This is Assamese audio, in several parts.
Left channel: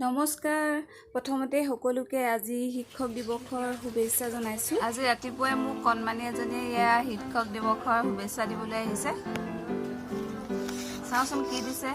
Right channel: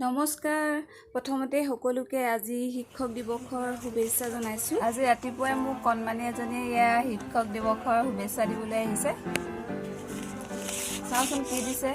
নমস্কাৰ প্ৰথমতে সকলোকে আজি শিক্ষক দিৱসৰ শুভেচ্ছা জনাইছোঁ। আজি ৰাতিপুৱাই মোক কণমানি এজনীয়ে ইয়া শিক্ষক দিৱসৰ শুভেচ্ছা দিবলৈ আহিছে। চাওঁচোন কি দিছে।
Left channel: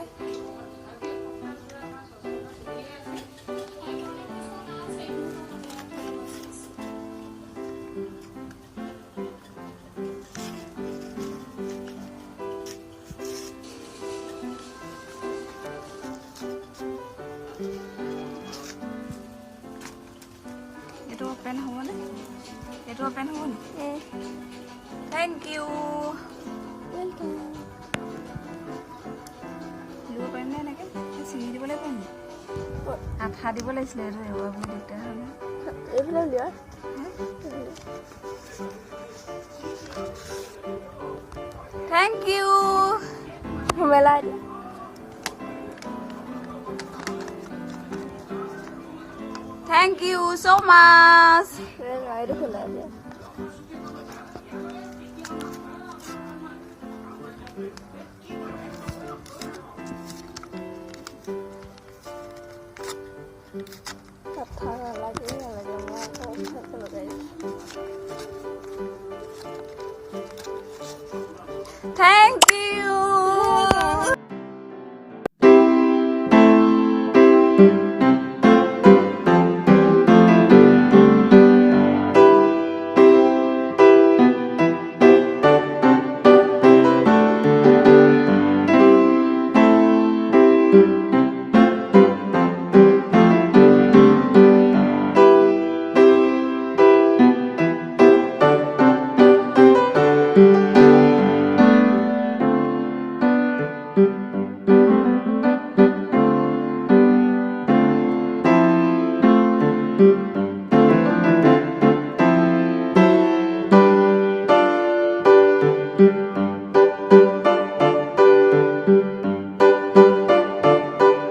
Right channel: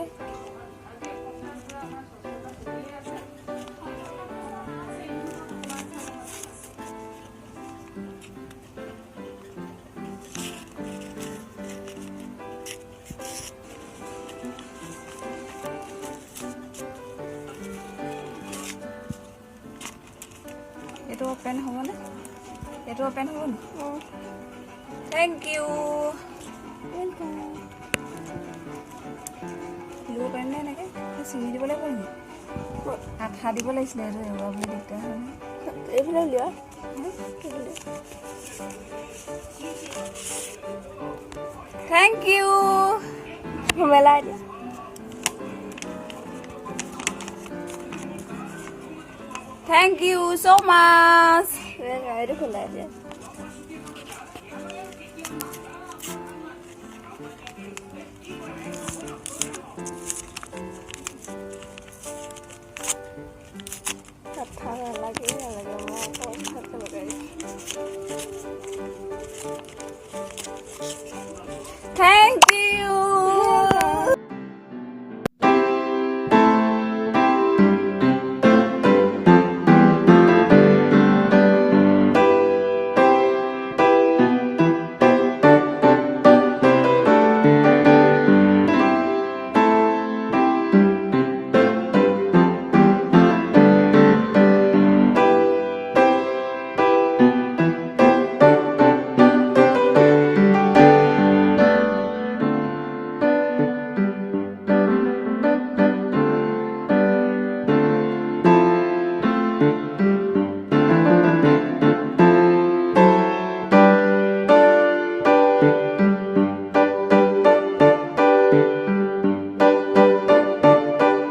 এইটো ওপেন হ'বনে? এইটো ওপেন হ'ব নি? Thank you. ৱেলকাম। দিব পাৰিম নে এনেকৈ? চিঙি দিবলৈ পাৰিম নি? আঠা দিব লাগিছিলে। এইটো এৰুৱা বুলি দিগদাৰ হয় নহয়। এইফালে উলিওৱা। Thank U. মেলা এতিয়া। Thank you so much. Itu khula aja. Kata lagi mau